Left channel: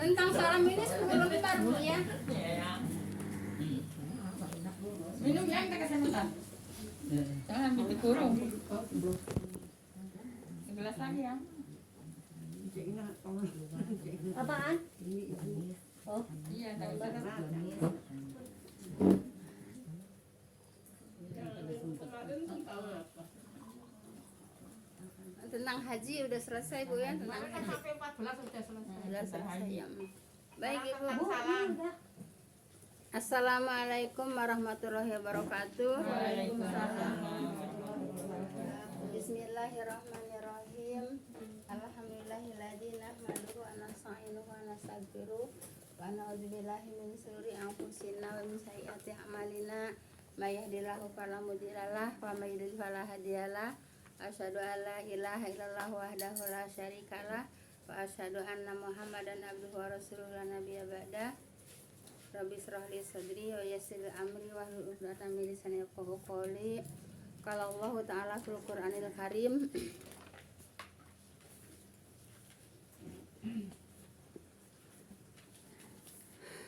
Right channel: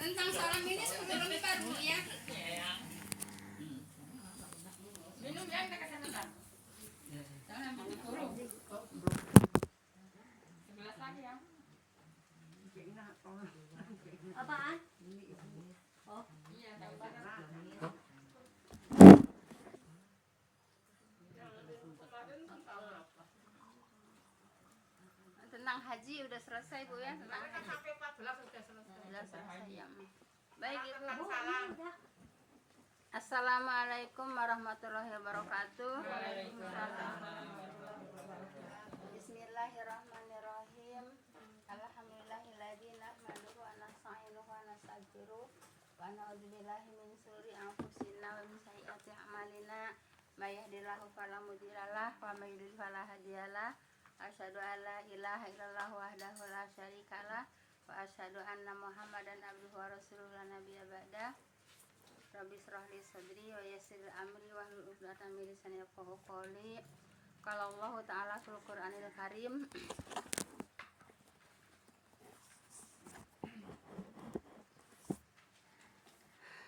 Tentang salam ini sebentar Bu ya. Minum yang tak kasih nonton. Jangan dikurung. Gelas lagi ya. Apaan? Oh, Iya, tak banget. tentang haji udah selesai Bu ya, tentang haji. Sampai 14 sudah selesai. Udah selesai ya. Baik Ibu. Salam. Assalamualaikum warahmatullahi wabarakatuh. Bismillahirrahmanirrahim. Alhamdulillahilladzi nahmaduhu wa nasta'inuhu wa nastaghfiruh wa na'udzubillahi min shururi anfusina wa min sayyiati a'malina. May yahdihillahu fala mudhillalah wa may yudhlil fala hadiyalah. Asyhadu an la ilaha illallah wahdahu la syarikalah wa asyhadu anna Muhammadan abduhu wa rasuluhu la nabiyya ba'da. Rabbi shrah li sadri wa yassir li amri wahlul 'uqdatam min lisani yafqahu qawli. Qala Allah Ta'ala fil Qur'anil Karim.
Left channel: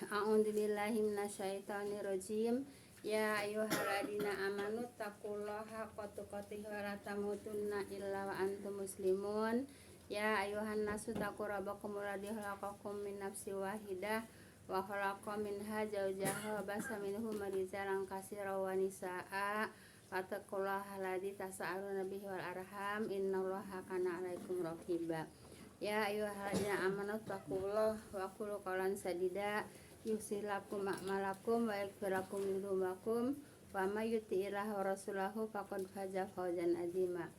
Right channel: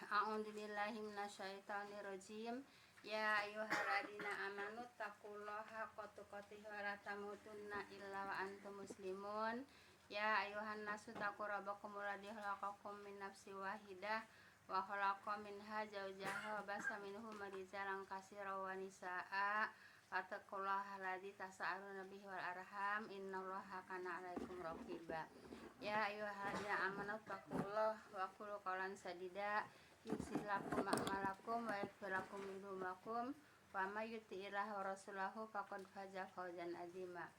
A'udzu billahi minasyaitonir rajim. Ya ayyuhalladzina amanu taqullaha haqqa tuqatih wa la tamutunna illa wa antum muslimun. Ya ayyuhan nasu taqu rabbakum alladzi khalaqakum min nafsin wahidah wa khalaqa minha zawjaha wa basa minhuma rijalan katsiran wa nisaa'a wattaqullaha alladzi tasaaluna bihi wal arham innallaha kana 'alaikum raqiba. Ya ayyuhalladzina amanu taqullaha wa qulu qawlan sadida yusilakum a'malakum wa yaghfirakum dhunubakum wa may yuti'illah wa rasulahu faqad faza fawzan 'azima.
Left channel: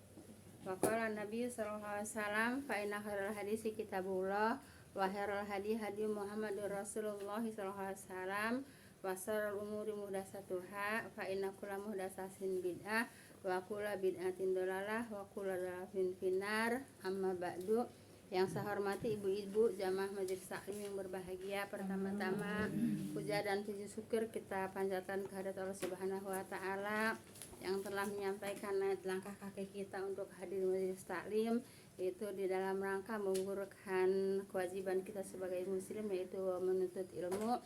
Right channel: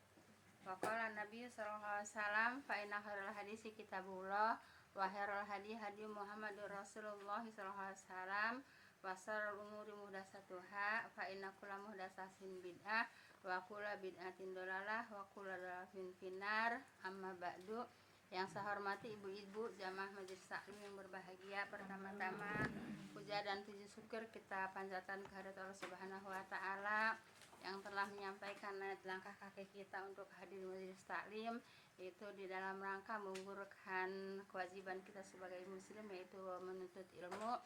Wa qala Nabi sallallahu alaihi wasallam fa inna khairal hadisi kitabullah wa khairal hadi hadi Muhammadur Rasulullah sallallahu alaihi wasallam wa syarrul umuri muhdatsatuha fa inna kulla muhdatsatin bid'ah wa kulla bid'atin dhalalah wa kulla dhalalatin finnar. Amma ba'du. Yang saya hormati ibu-ibu jamaah majelis taklim yang berbahagia, pertama-tama puja dan puji syukur kita panjatkan kehadirat Allah Subhanahu wa taala yang telah menyampaikan langkah kaki kita untuk hadir majelis taklim, yaitu di dalam rangka menggugurkan kewajiban kita sebagai muslim, yaitu menuntut ilmu.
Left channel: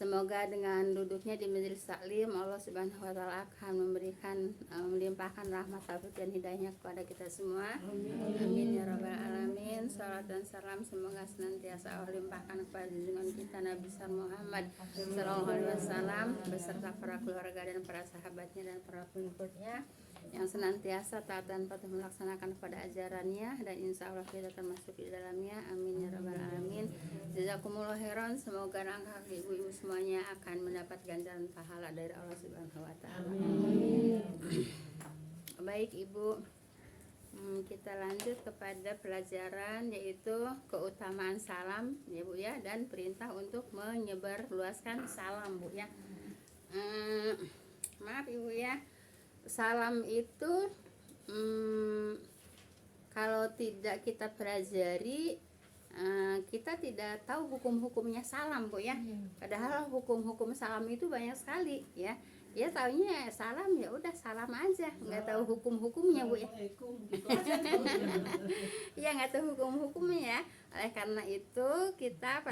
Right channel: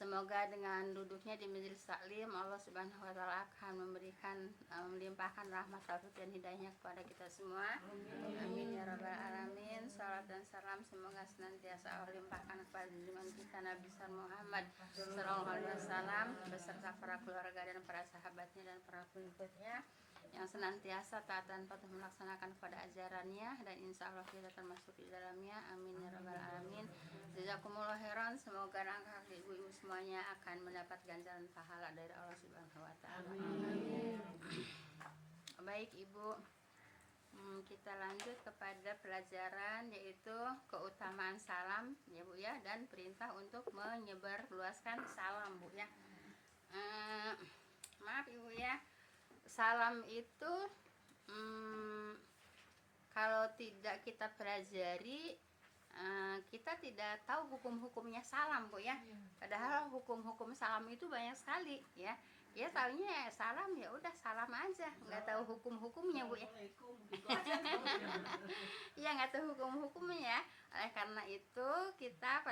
Semoga dengan duduknya di majelis taklim Allah Subhanahu wa taala akan memberikan melimpahkan rahmat taufik dan hidayahnya kepada kita semua. Amin ya rabbal alamin. Salat dan salam semoga senantiasa Allah limpahkan kepada junjungan kita Nabi Muhammad sallallahu alaihi wasallam beserta para keluarga dan para sahabatnya dan para pengikutnya yang senantiasa taat dan patuh melaksanakan pada ajarannya, dan insya Allah kita termasuk di dalamnya. Amin ya rabbal alamin. Jazakumullah khairan. Semoga langkah ibu-ibu semuanya akan mendapat ganjaran pahala dari Allah Subhanahu wa taala. Baik Ibu, kita lanjut kepada pelajaran, yaitu keutamaan salam ya Bu ya, dan perintah untuk menyebarluaskan salam Bu ya. Maaf Ibu ya, salam itu kalau tidak kita pelajari kita tidak tahu hukum-hukumnya salam Bu ya. Padahal hukum-hukum salam itu banyak sekali ya. Ya taunya salam ya udah salam aja, nggak tahu hukum-hukumnya Bu ya. Ya nggak tahu hukum-hukumnya ya. Oleh karena itu kita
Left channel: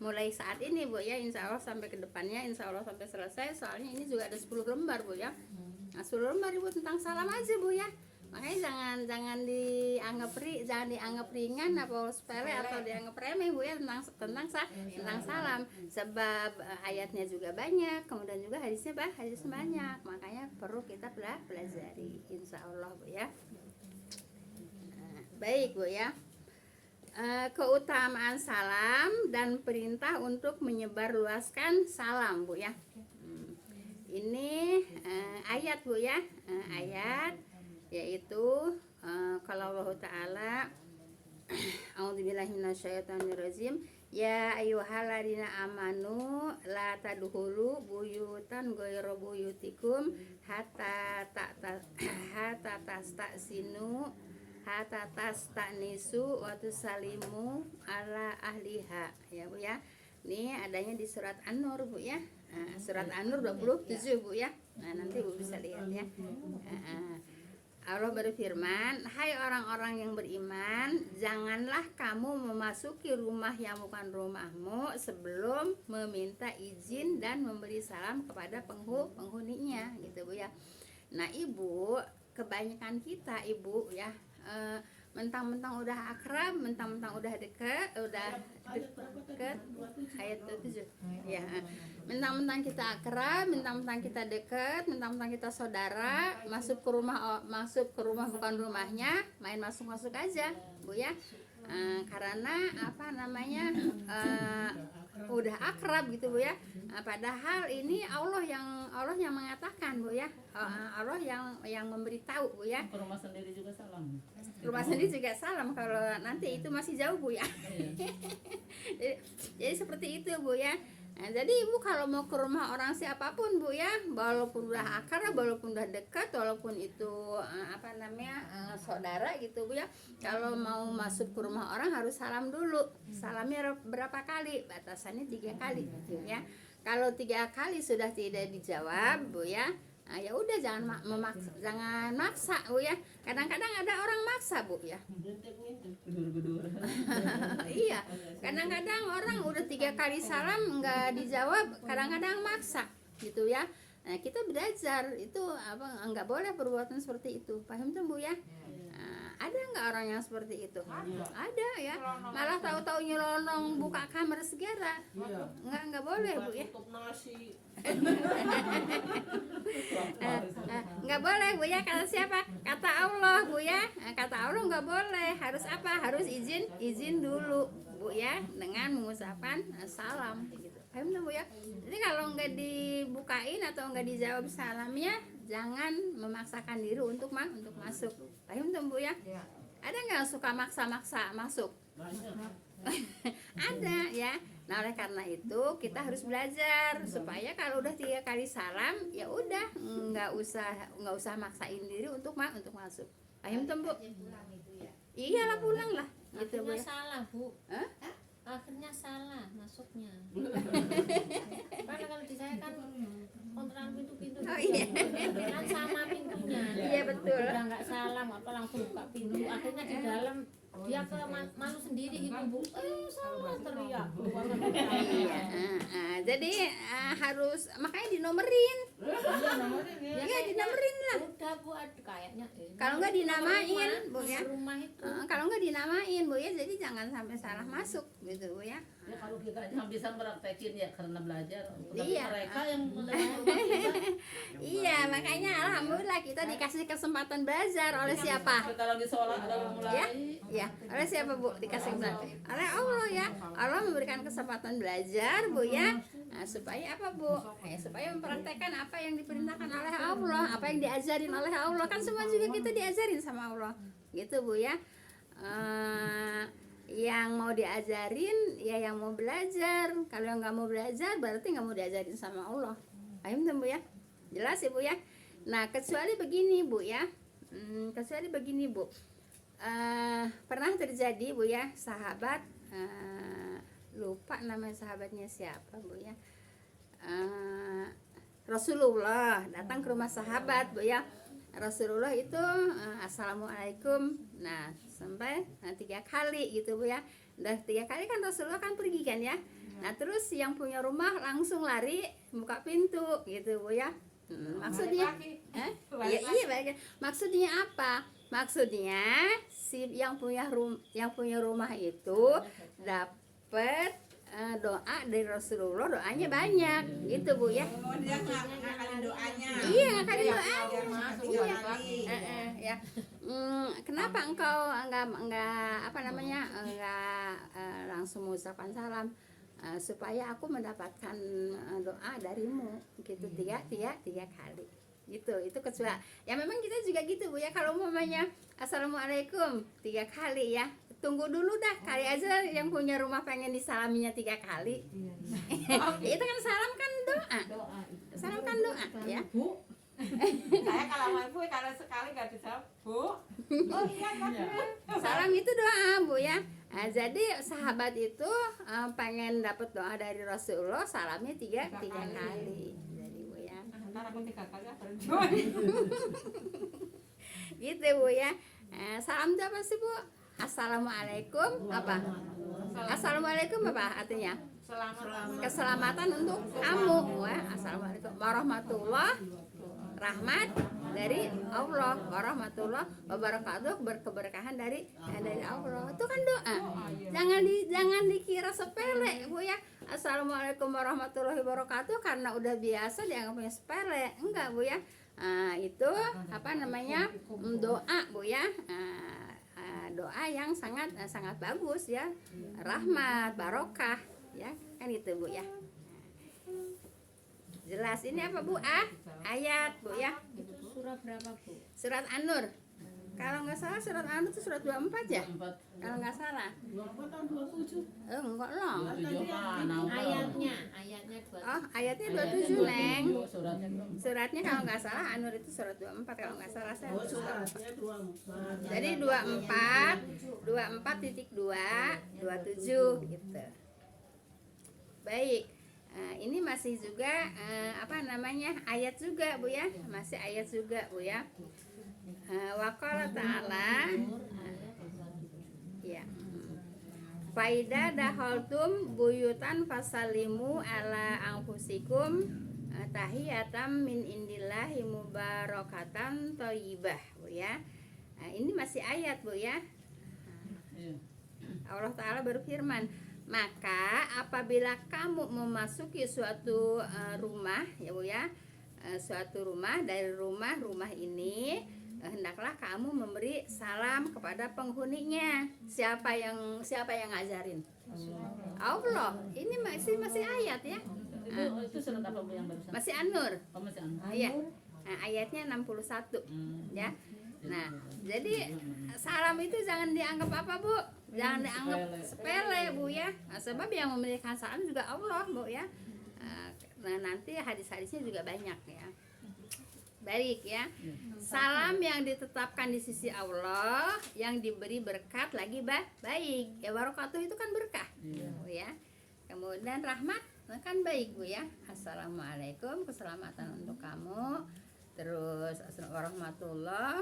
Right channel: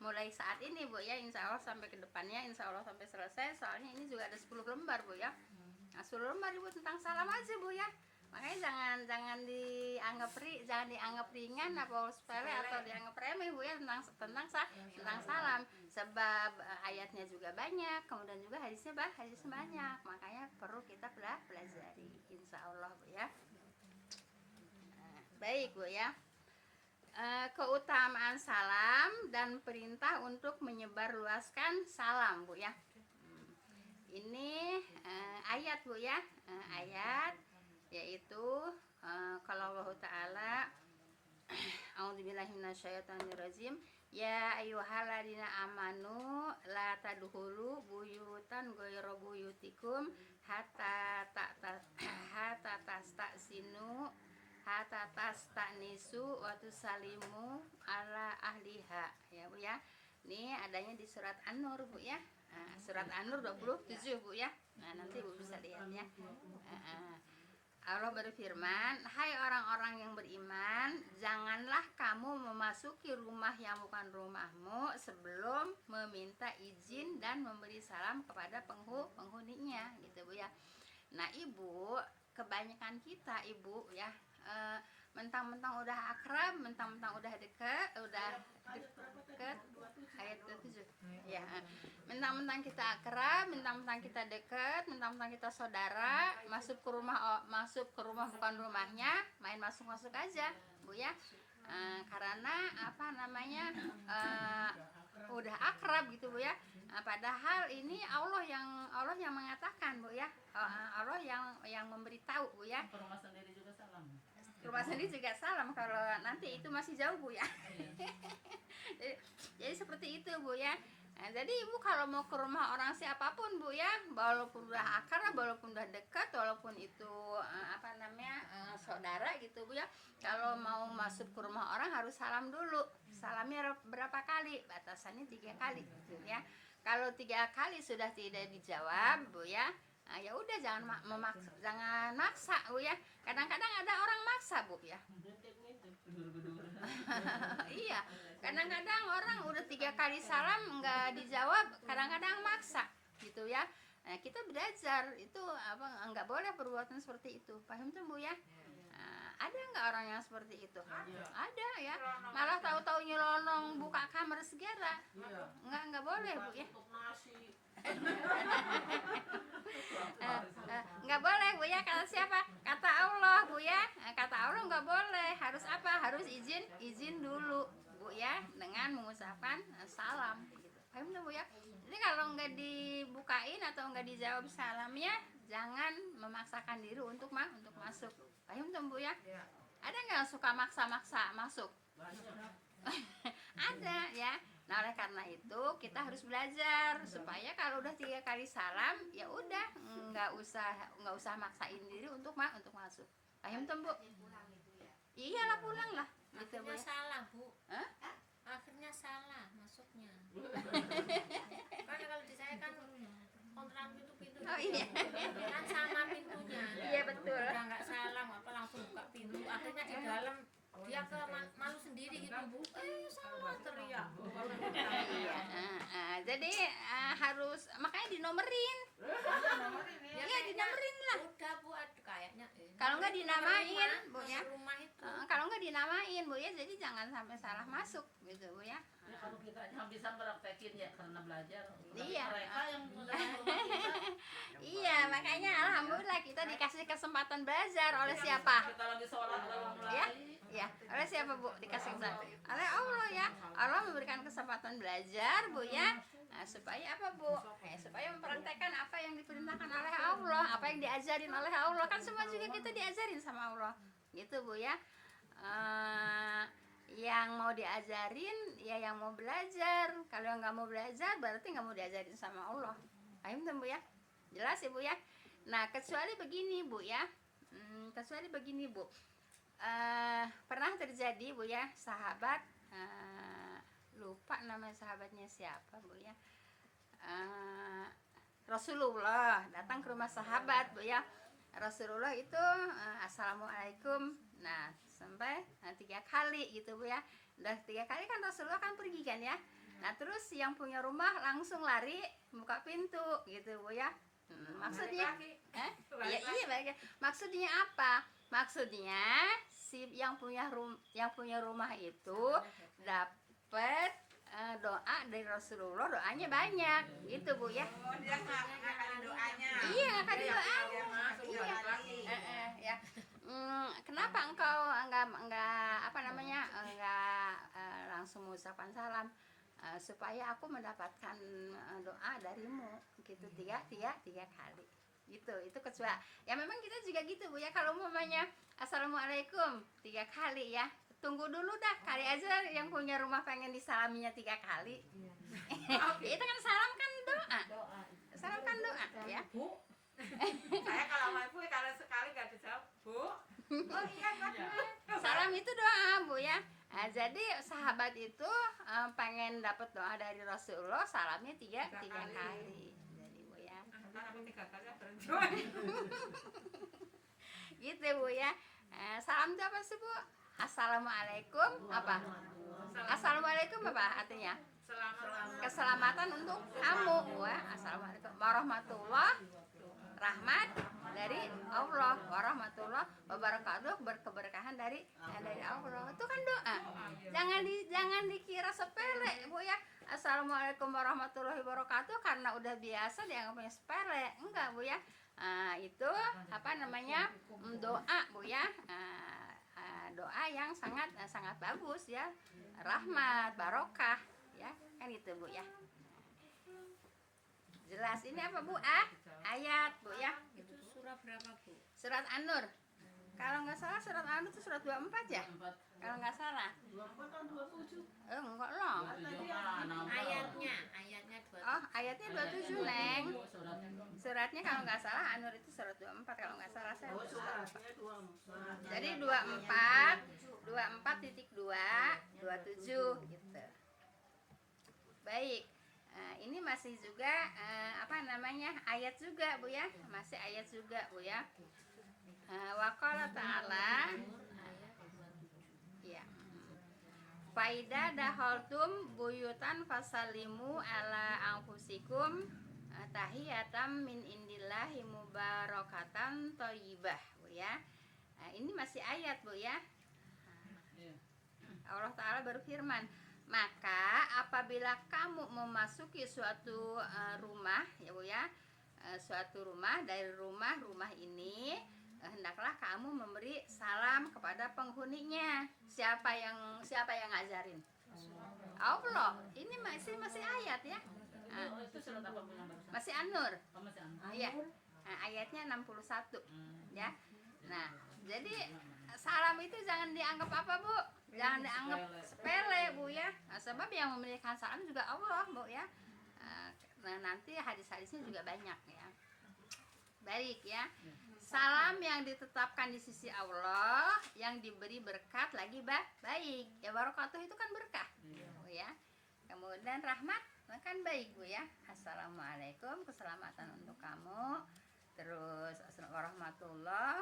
mulai saat ini Bu ya, insya Allah sampai ke depannya, insya Allah sampai selesai, soalnya ini juga ada 10 lembar Bu ya. Nah 10 lembar Ibu tentang salam aja Bu ya. Makanya jangan dianggap ringan atau sepele atau dianggap remeh Bu ya, tentang salam. Sebab ayatnya juga banyak, kemudian juga hadisnya banyak. Makanya perlu kita pelajari insya Allah Bu ya. Baik Bu ya. Keutamaan salam dan perintah untuk menyebarluaskan salam Bu ya. Ini ayat Bu ya. Ayat yaitu kalau Allah Ta'ala A'udzubillahi minasyaitonirrajim. Ya ayyuhalladzina amanu la tadkhulu buyutan ghairu buyutikum hatta tastanisu wa tusalimu ala ahliha ya Bu ya. Ini adanya di surat An-Nur Bu ya. Surat An-Nur 27 Bu ya. Nah nanti Bu bisa lihat ya. Allah berfirman, hai orang-orang yang beriman, janganlah kamu memasuki rumah yang bukan rumahmu sebelum meminta izin dan memberi salam kepada penghuninya, gitu Bu ya. Nah Ibu, kebanyakan kita Ibu ya, mentang-mentang udah akrab, mentang-mentang udah deket ayat 27 ya, mentang-mentang kita akrab, mentang-mentang kita deket, mentang-mentang kita saudara, masuk ke rumah bukan rumahnya, main masuk aja Bu ya. Karena apa namanya, udah akrab gitu Bu ya. Padahal ini Allah yang mengatakan Bu ya, Allah yang memberitahu Bu ya. Ke rumah sendiri juga salam. Rumah sendiri juga salam kalau nanti itu masih jauh Bu ya. Jadi seperti itu Bu ya. Nah, jadi Ibu kalau mau ke rumah orang siapapun Bu ya, walaupun udah akrab, walaupun udah dekat, walaupun itu saudara gitu Bu ya, kalau mau masuk ke rumah orang harus salam dulu. Salamnya berapa kali? Batasannya 3 kali gitu ya. Kalau 3 kali sudah tidak dijawab Bu ya, ya udah jangan maksa Bu ya. Kadang-kadang ada orang maksa Bu ya. Gedur-gedur. Iya, kadang-kadang orang udah 3 kali salam nggak dijawab, kadang-kadang maksa gitu ya. Nah kita belajar itu nggak boleh perbuatan seperti itu, paham tuh Bu ya. Ada nggak orang yang seperti itu? Ada ya, malah tahu-tahu nyelonong buka kamar segala. Nggak boleh Bu ya. Nggak boleh Bu ya. Kata siapa? Kata Allah Bu ya. Kata Allah nggak boleh. Harus apa? Harus izin dulu Bu ya, dengan mengucapkan salam gitu. Paham tuh Bu ya. Jadi kalau nggak dibukain atau nggak dijawab salamnya, jangan memaksakan diri untuk masuk. Paham tuh Bu ya. Ada nggak suka maksa-maksa masuk? Ada ya. Nah oleh karena itu kita harus belajar supaya kalau udah 3 kali salam ya udah nggak usah maksain diri untuk masuk. Paham tuh Bu? Iyalah pulang lah. Gitu Bu. Akhirnya salah Bu. Hah? Akhirnya salah masuknya. Karena kalau di saya kan kontrakan pintu-pintu. Oh iya. Kan sama pintunya. Iya betul. Udah nggak salam apa langsung buka pintu. Akhirnya di dalam dia ke malu sendiri gitu Bu. Salah teriak. Iya. Jadi harus makanya dinomerin. Iya dinomerin lah. Udah Bu, kayaknya. Kalau nggak dinamain Bu ya. Rumah itu. Kalau nggak dinamain Bu ya, jadi jangan sampai salah masuk gitu Bu ya. Ya kalau kita aja bisa meraktekin ya karena belajar. Iya. Mereka yang Iya makanya alhamdulillah kita dikasih kesempatan belajar oleh siapa? Kita lagi sholat udah mulai. Ya, oleh siapa Bu? Dikasih kesempatan oleh Allah ya. Allah memberikan kesempatan belajar Bu ya. Nah, supaya apa Bu? Supaya mempraktekkan apa yang diperintahkan oleh Allah, apa yang diajarin oleh Allah. Kan semua juga kita diajarin sama Allah. Gitu Bu ya. Yang mau diajarin ya yang mau belajar. Kalau yang nggak mau belajar berarti nggak mau diajarin sama Allah. Paham Bu ya? Jelas ya Bu ya. Nah kecuali begini Bu ya. Pernah terjadi Bu ya, sahabat lupa nama sahabatnya siapa Bu ya. Rasulullah datang ke rumah sahabat Bu ya. Rasulullah itu assalamualaikum. Nah sampai 3 kali gitu Bu ya. Udah 3 kali kan Rasulullah kan pergi kan ya. Nah terus yang punya rumah langsung lari buka pintu gitu Bu ya. Maksudnya iya, maksudnya apa? Maksudnya si yang punya rumah itu dapat doa dari Rasulullah, doanya banyak gitu Bu ya. Dia ngakalin doanya. Iya ngakalin doanya. Iya. Ya. Kenapa engkau enggak langsung mengucapkan salam? Supaya aku mendapatkan doa darimu gitu 3 kali gitu. Itu kecuali ya memang kita juga gitu Bu ya. Kalau umpamanya assalamualaikum 3 kali ya, tunggu dulu dah kali aja yang punya rumah pengen disalaminya 3 kali. Itu kan salam kan doa. Salam kan doa ya. Bu, saya kalau mau ibu kalau sekali nggak dijawab Bu. Oh iya. Salam itu doa Bu ya. Nah, jadi sahabat itu pengen dapat doa dari Rasulullah, salamnya 3 kali. Jadi Bu ya. Ntar aku 3 kali baru Gitu Bu ya. Salam itu apa sih Bu? Assalamualaikum apa? Assalamualaikum apa artinya? Keselamatan untuk kamu. Wah, assalamualaikum warahmatullah, rahmat dari Allah, warahmatullah wabarakatuh, berkeberkahan dari Allah. Itu kan doa. Jangan dikira sepele Bu ya. Assalamualaikum warahmatullahi wabarakatuh karena udah biasa dianggapnya sepele. Enggak Bu ya. Itu apa namanya? Doa Bu ya. Doa yang sangat bagus ya, rahmat, barokah ya, kan itu Bu ya. Jelas ini apa Bu? Ayat Bu ya. Itu surah berapa Bu? Surat An-Nur. Kalau nggak salah surat An-Nur itu surat 24 ya? Kalau nggak salah. 24 tahun 27. Enggak lah. 27 kan. Ayatnya 2. Oh, ayatnya 27 Neng. Suratnya. Suratnya kalau nggak salah An-Nur itu surat 24 kalau nggak salah saya surat 24. Jadi 24.2 27 gitu. Baik. Ini masih juga apa namanya? Ayat juga Bu ya. Masih ayat juga Bu ya. Waqala ta'ala ya. Faida dahaltum buyutan fasalimu ala anfusikum tahiyatam min indillahi mubarakatan thayyibah Bu ya. Ini masih ayat Bu ya. Allah Ta'ala berfirman, maka apabila kamu memasuki suatu rumah ya Bu ya, suatu rumah dari rumah ini, hendaklah kamu memberi salam kepada penghuninya. Siapa yang ngajarin? Allah. Ini masih ayat ya. Itu surat apa Bu yang barusan? Masih An-Nur. Oh, masih An-Nur. Iya. Ayatnya 61 ya. Nah, jadi salam itu jangan dianggap apa Bu? Jangan dianggap sepele Bu ya. Sebab yang memberikan salam juga Allah Bu ya. Nah, nanti hadis-hadisnya juga banyak ya. Baik ya. Salam yang ditetapkan di sisi Allah, yang diberi berkat lagi baik. Ya barakatuh itu kan berkah. Bu ya. Kemudian rahmat kan baik Bu ya. Assalamualaikum, keselamatan untuk kamu. Terus warahmatullah,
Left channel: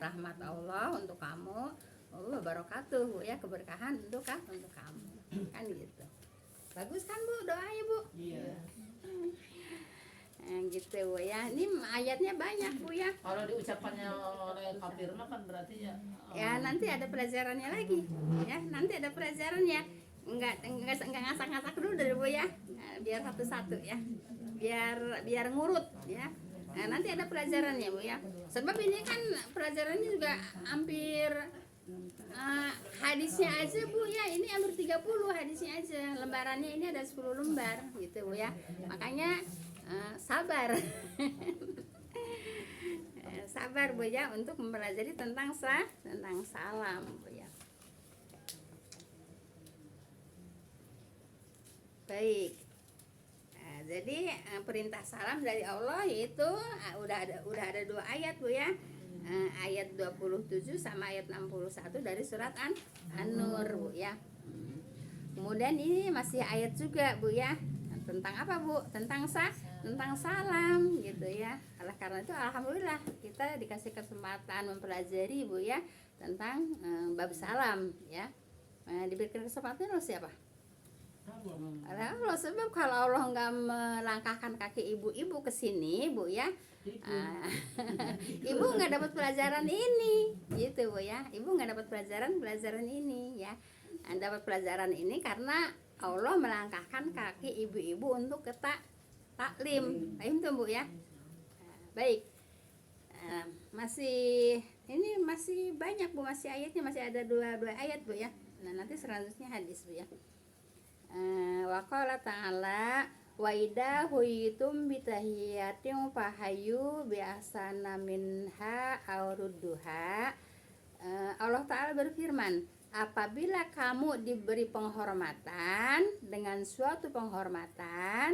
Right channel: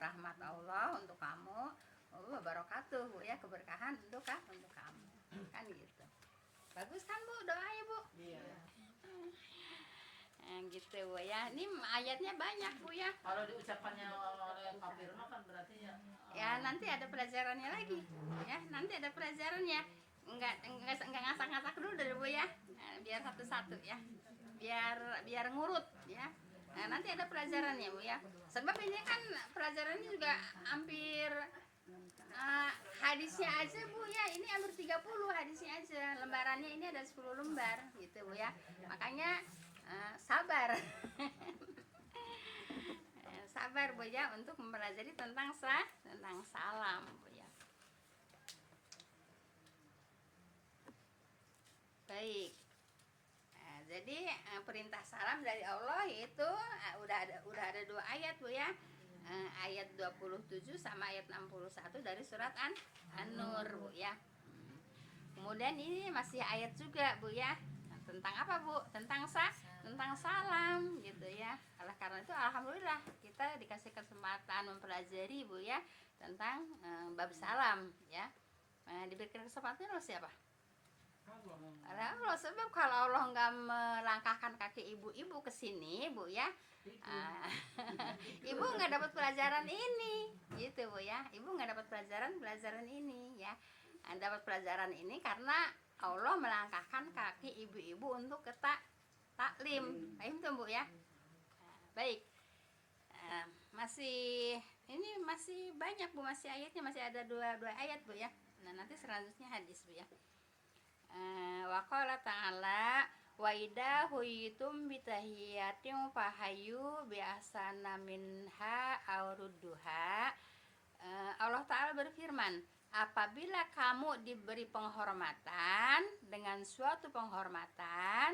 rahmat Allah untuk kamu. Wabarakatuh Bu ya, keberkahan untuk kamu. Kan gitu. Bagus kan Bu doanya Bu? Iya. Gitu Bu ya. Ini ayatnya banyak Bu ya. Kalau diucapkannya oleh kafir mah kan berarti ya. Ya nanti ada pelajarannya lagi ya. Nanti ada pelajarannya. Enggak ngasak-ngasak dulu dari Bu ya. Biar satu-satu ya. Biar ngurut ya. Nah, nanti ada pelajarannya Bu ya. Sebab ini kan pelajarannya juga hampir hadisnya aja Bu ya. Ini hampir 30 hadisnya aja. Lembarannya ini ada 10 lembar gitu Bu ya. Makanya sabar. Sabar Bu ya untuk mempelajari tentang salam Bu ya. Baik. Jadi perintah salam dari Allah itu udah ada 2 ayat Bu ya. Ayat 27 sama ayat 61 dari surat An-Nur Bu ya. Kemudian ini masih ayat juga Bu ya. Tentang apa Bu? Tentang salam gitu ya. Oleh karena itu alhamdulillah kita dikasih kesempatan mempelajari Bu ya tentang bab salam ya. Diberikan kesempatan oleh siapa? Allah. Sebab kalau Allah nggak melangkahkan kaki ibu-ibu ke sini Bu ya, ibu nggak dapat pelajaran ini gitu Bu ya. Ibu nggak dapat pelajaran ini ya. Dapat pelajaran ini karena Allah melangkahkan kaki ibu-ibu untuk ke taklim. Paham tuh Bu ya. Baik. Ini masih banyak Bu, masih ayatnya masih ada 2 ayat Bu ya. Nah, nanti selanjutnya hadis Bu ya. Wa qala ta'ala wa idza huyitum bi tahiyatin fahayu bi ahsana minha aw rudduha. Allah Ta'ala berfirman, apabila kamu diberi penghormatan dengan suatu penghormatan.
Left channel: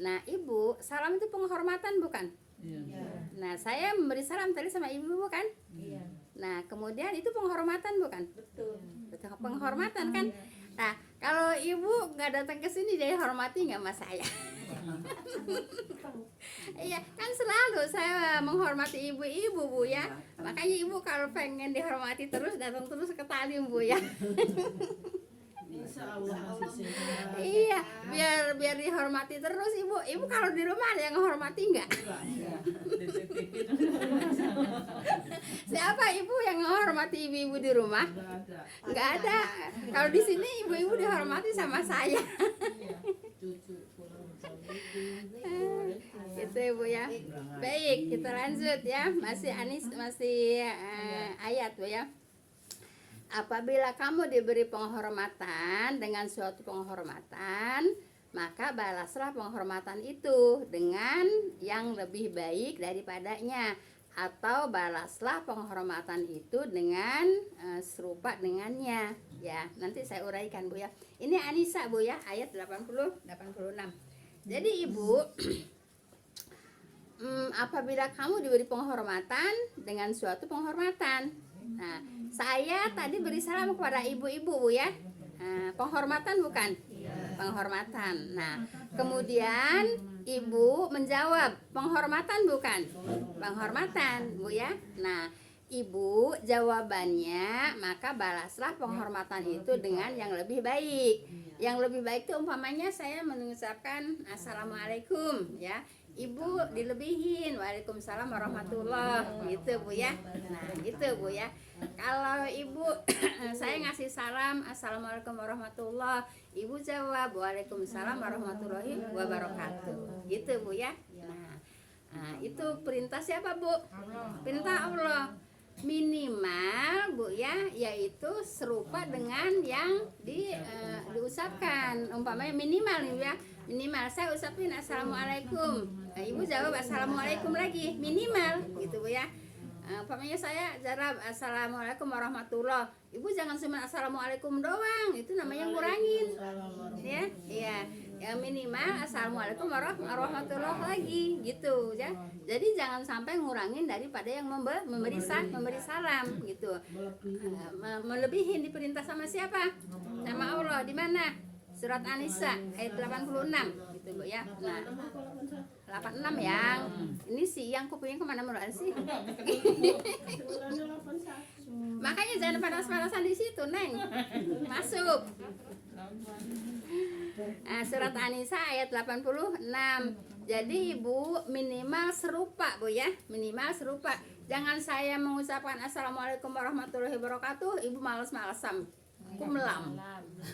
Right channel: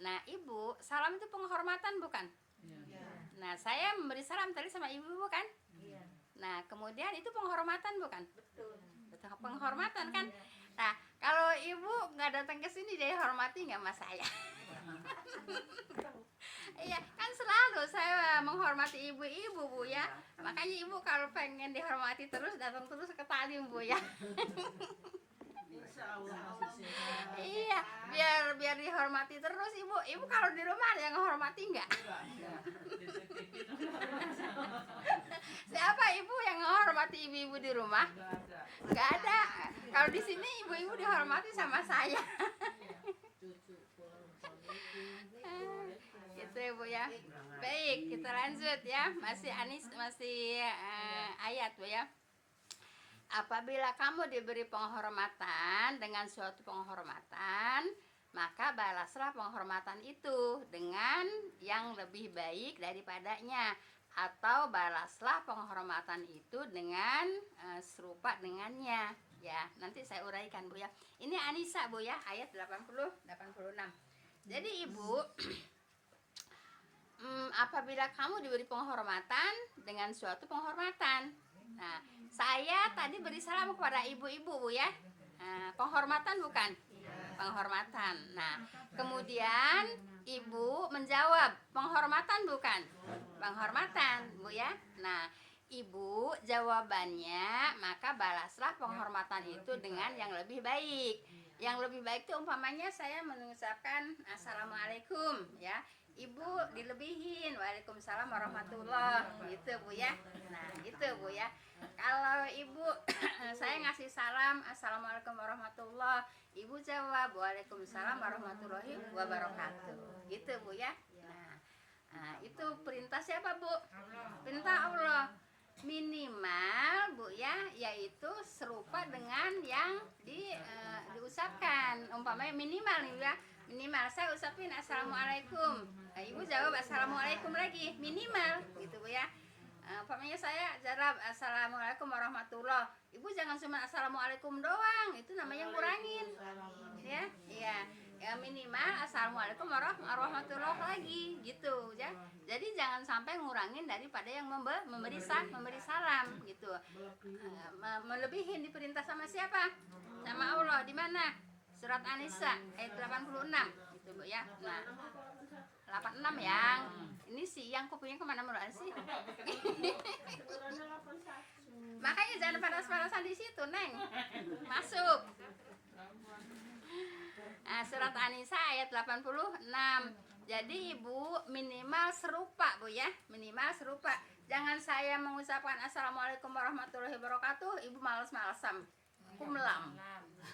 Nah Ibu, salam itu penghormatan bukan? Iya. Nah saya memberi salam tadi sama Ibu bukan? Iya. Nah kemudian itu penghormatan bukan? Betul. Penghormatan kan? Nah kalau Ibu nggak datang ke sini jadi hormati nggak mas saya? Iya, kan selalu saya menghormati ibu-ibu Bu ya. Makanya ibu kalau pengen dihormati terus datang terus ke Talim Bu ya. Insya Allah masih sehat. Iya, biar dihormati terus ibu. Ibu kalau di rumah ada yang menghormati enggak? Siapa ibu yang menghormati ibu-ibu di rumah? Enggak ada. Kalau di sini ibu-ibu dihormati sama saya. Cucu pulang Gitu ibu ya. Baik, kita lanjut ya. Masih ayat Bu ya. Apabila kamu diberi penghormatan dengan suatu penghormatan, maka balaslah penghormatan itu dengan yang lebih baik daripadanya, atau balaslah penghormatan itu dengan serupa dengannya. Ya, nanti saya uraikan Bu ya. Ini Anisa Bu ya, ayat 86. Jadi Ibu, apabila kamu diberi penghormatan dengan suatu penghormatan. Nah, saya tadi beri salam kepada ibu-ibu Bu ya. Penghormatan bukan? Penghormatan. Nah, kemudian ibu menjawab, penghormatan bukan? Penghormatan Bu ya. Nah, ibu jawabannya, maka balaslah penghormatan itu dengan yang lebih baik. Yang lebih baik itu umpamanya saya mengucapkan assalamualaikum ya. Ibu dilebihin, waalaikumsalam warahmatullahi gitu Bu ya. Nah gitu Bu ya. Kalau ibu saya ngasih salam assalamualaikum warahmatullahi, ibu jawab waalaikumsalam warahmatullahi wabarakatuh gitu Bu ya. Nah itu perintah siapa Bu? Perintah Allah. Minimal Bu ya, yaitu serupa dengan yang diucapkan. Umpamanya minimal nih ya, minimal saya ucapin assalamualaikum, nah, ibu jawab assalamualaikum lagi, minimal gitu Bu ya. Umpamanya saya jawab assalamualaikum warahmatullah, ibu jangan cuma assalamualaikum doang, itu namanya ngurangin ya. Iya ya, minimal assalamualaikum warahmatullah lagi gitu ya. Jadi jangan sampai ngurangin daripada yang memberi salam gitu. Melebihin diperintah sama siapa? Sama Allah. Di mana? Surat An-Nisa ayat 86 gitu Bu ya. Nah, 86 yang ini siang kupingnya kemana-mana sih. Makanya jangan panas-panasan di situ, Neng. Masuk. Nah, surat An-Nisa ayat 86. Jadi ibu minimal serupa Bu ya, minimal serupa. Jangan saya mengucapkan assalamualaikum warahmatullahi wabarakatuh, ibu malas-malasan, kumlam.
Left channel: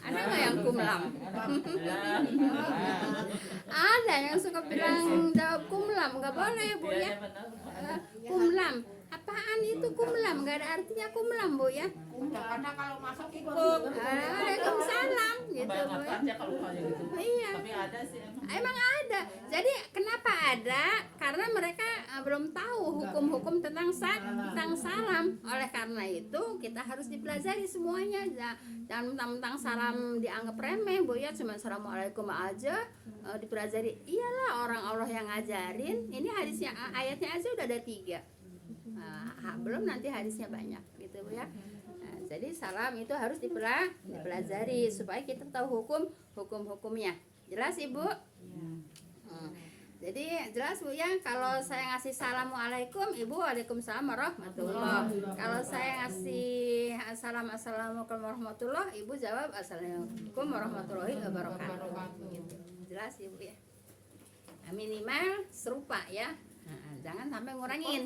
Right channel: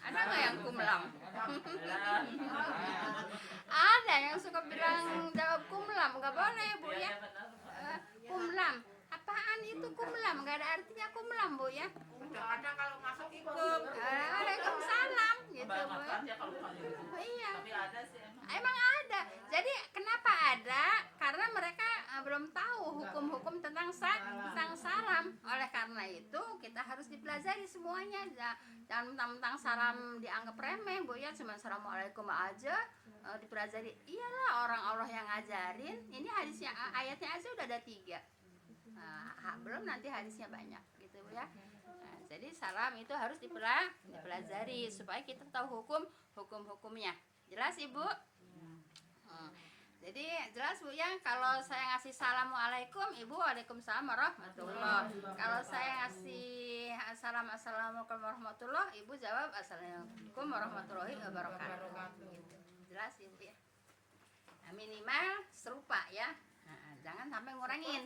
Ada nggak yang kumlam? Ada yang suka bilang jawab kumlam, nggak boleh Bu ya. Kumlam, apaan itu kumlam? Nggak ada artinya kumlam Bu ya. Kadang-kadang kalau masuk ikut. Waalaikumsalam gitu Bu ya. Iya. Tapi ada sih Emang ada. Jadi kenapa ada? Karena mereka belum tahu hukum-hukum tentang salam. Oleh karena itu kita harus dipelajari semuanya. Jangan mentang-mentang salam dianggap remeh Bu ya, cuma assalamualaikum aja dipelajari. Iyalah orang Allah yang ngajarin. Ini hadisnya, ayatnya aja udah ada 3. Belum nanti hadisnya banyak gitu Bu ya. Jadi salam itu harus dipelajari supaya kita tahu hukum-hukumnya. Jelas Ibu? Jadi jelas Bu ya, kalau saya ngasih assalamualaikum, ibu waalaikumsalam warahmatullahi. Kalau saya ngasih assalamualaikum warahmatullahi, ibu jawab assalamualaikum warahmatullahi wabarakatuh. Gitu. Jelas Ibu ya. Nah, minimal serupa ya. Jangan sampai ngurangin.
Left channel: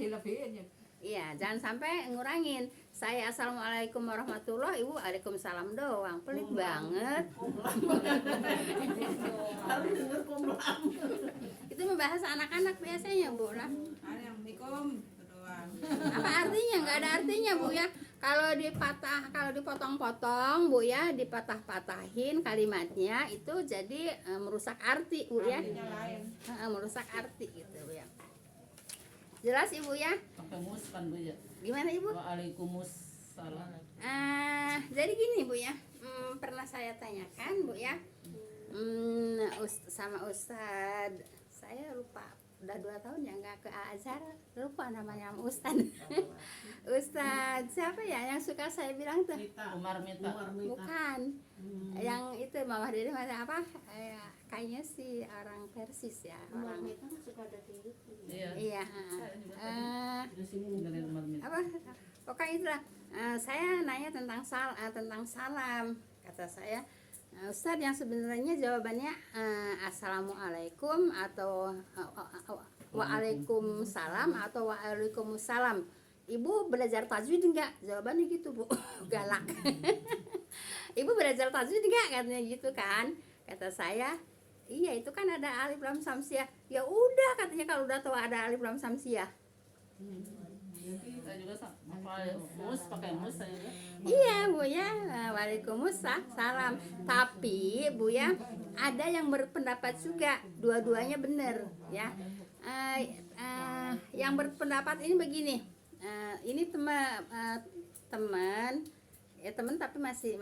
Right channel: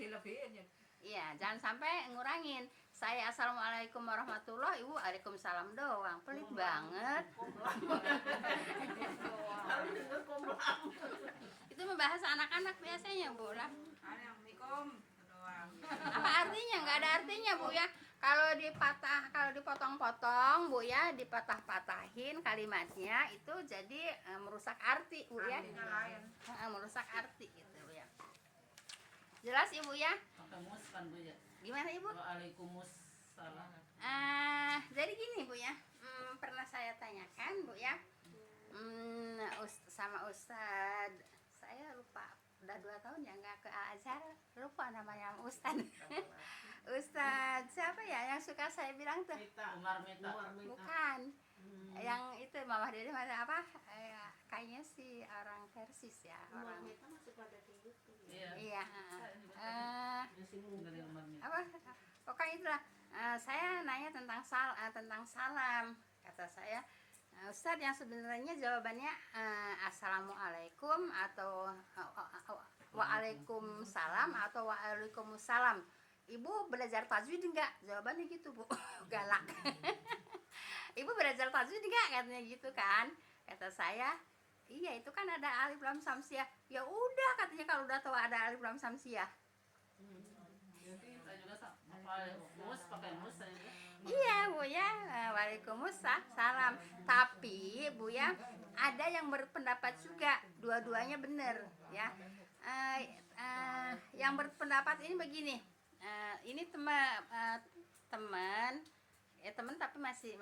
Iya, jangan sampai ngurangin. Saya assalamualaikum warahmatullahi, ibu waalaikumsalam doang. Pelit banget. Itu membahas anak-anak biasanya Bu lah. assalamualaikum doang. Apa artinya? Nggak ada artinya Bu ya. Kalau dipotong-potong Bu ya, dipatah-patahin kalimatnya itu jadi merusak arti Bu ya. Artinya lain. Merusak arti gitu Bu ya. Jelas Ibu ya? Kamus kan Bu ya. Gimana Ibu? Waalaikumsalam. Jadi gini Bu ya, pernah saya tanyakan Bu ya, sama Ustad, saya lupa udah 2 tahun ya nggak ke Al Azhar, lupa namanya Ustad. Ustad siapa ya yang suka saya bilang tuh? Umar Mita. Bukan. Yang itu Mama Dede mana apa? Kayaknya si orang Persis ya, orang. Iya. Iya. Dari Umar Mita. Apa? Pokoknya itulah. Saya nanya tentang salam. Kata saya, Ustadz yang sebenarnya jawabannya assalamualaikum atau waalaikumsalam atau waalaikumsalam. Ibu belajar tajwid enggak? Jawabannya gitu Bu. Galak. Ibu belajar tajwid enggak? Katanya gitu kan. Kata saya, iya itu kan ada alif lam samsiah. Ya udah katanya kalau udah tahu ada alif lam samsiah. Saya juga pakai mus saya juga. Iya Bu ya, waalaikumsalam. Tapi Bu ya, ada yang berpendapat juga dua-duanya benar ya. Yang berpendapat ini begini, ini teman tapi masih